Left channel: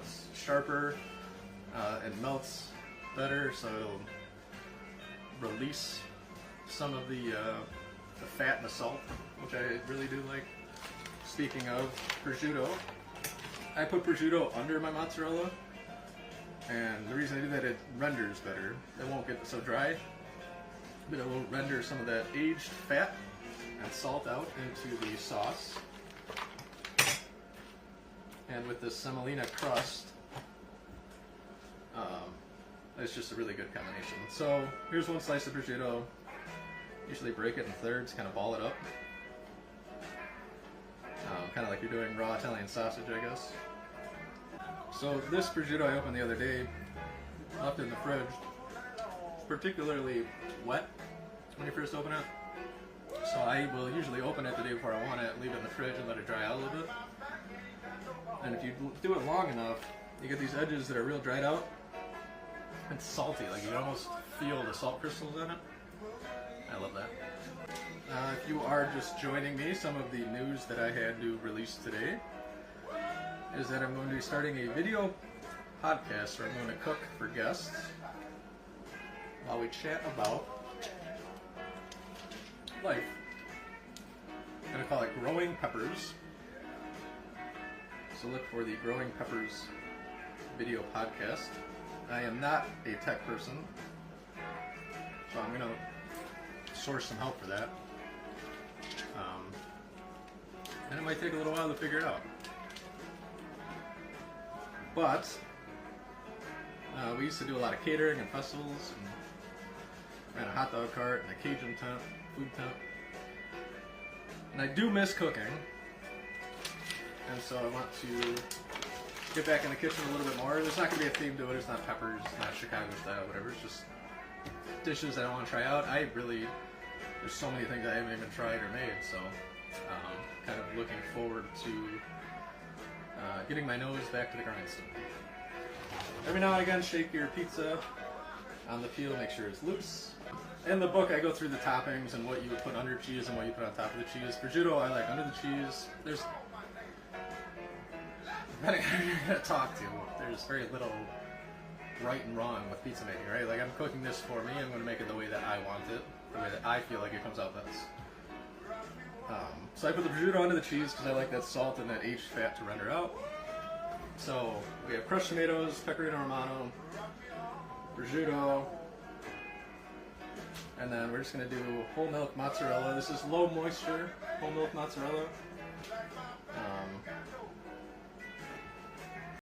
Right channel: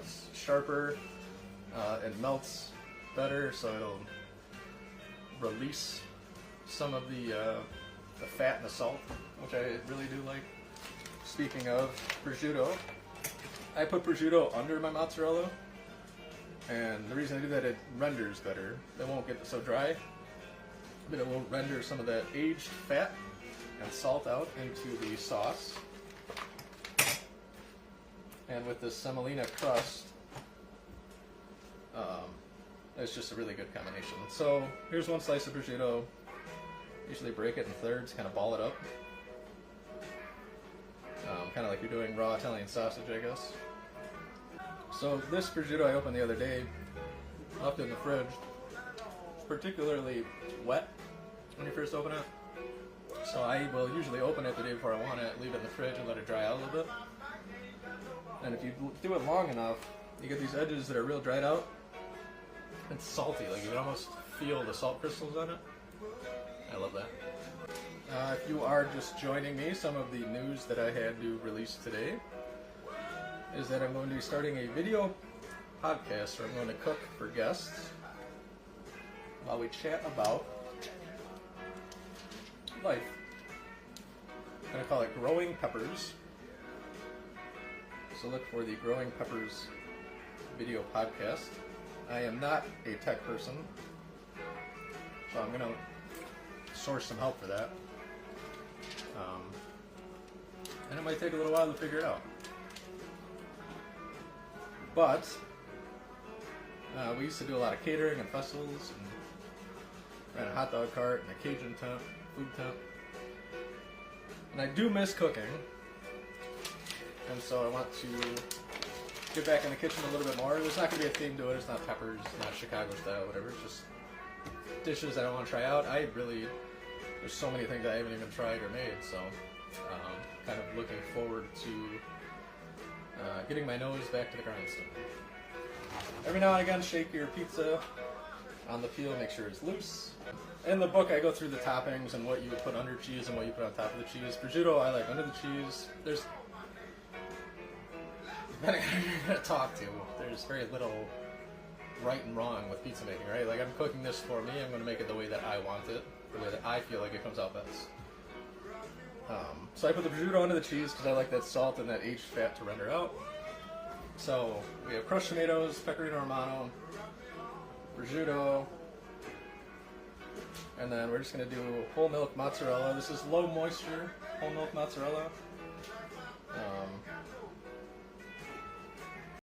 it's sharper, it melts better, so it'll release some of the fat and the salt, which I really do like. Speaking of prosciutto, I put prosciutto under my mozzarella, and the reason I do that, it renders better. It won't get so dry, but it will render some of that aged fat and salt out into the sauce. And with this semolina crust, it's just a really good combination. So here's one slice of prosciutto. Usually break it in thirds, kind of ball it up. Kind of like you're doing raw Italian sausage, I guess. So this prosciutto I opened the other day, left it in the fridge. It's particularly wet when you first open it. So I will usually open it the day before I want it, leave it in the fridge and let it dry out a little bit. And if you do it long enough, you get these edges that are real dried out. It's salty, like you can almost feel the salt crystals on it. I love that. If you are just joining me, some of the news that I had to release today is that I'm going to be starting a video podcast where I'm going to cook for guests while we chat about life. I'm going to call it Growing Peppers. So look for the Growing Peppers video podcast. I am not a tech person, so I'm going to source some help for that. And it might take a little while to figure it out. But we used to do a lot of catering and festivals, and ran a hot dog cart and a Cajun tent, food tent. And I do miss cooking, and so I want to get back in the kitchen a little bit more. There's not going to be a theme to it. It's not peppers, it's not Chicago style, whatever. It's just dishes I want to try out. There's so many things I haven't even tried or made, so kind of looking forward to getting my nose back to the grindstone. Every now and again, shake your pizza on the peel, make sure it's loose. In the book, I go through the toppings and what you would put under cheese and what you put on top of the cheese. Prosciutto, I like under the cheese. Depending on who you're going to talk to, there's very little right and wrong with pizza making, right? Like, I'm cooking this for me, I'm going to make it the way that I want it, the way that I feel like it comes out best. So I put the prosciutto under the cheese because I like that salt and that aged fat to render out. So we have crushed tomatoes, pecorino romano, prosciutto, and then we're just going to do whole milk mozzarella. This is low moisture whole milk mozzarella.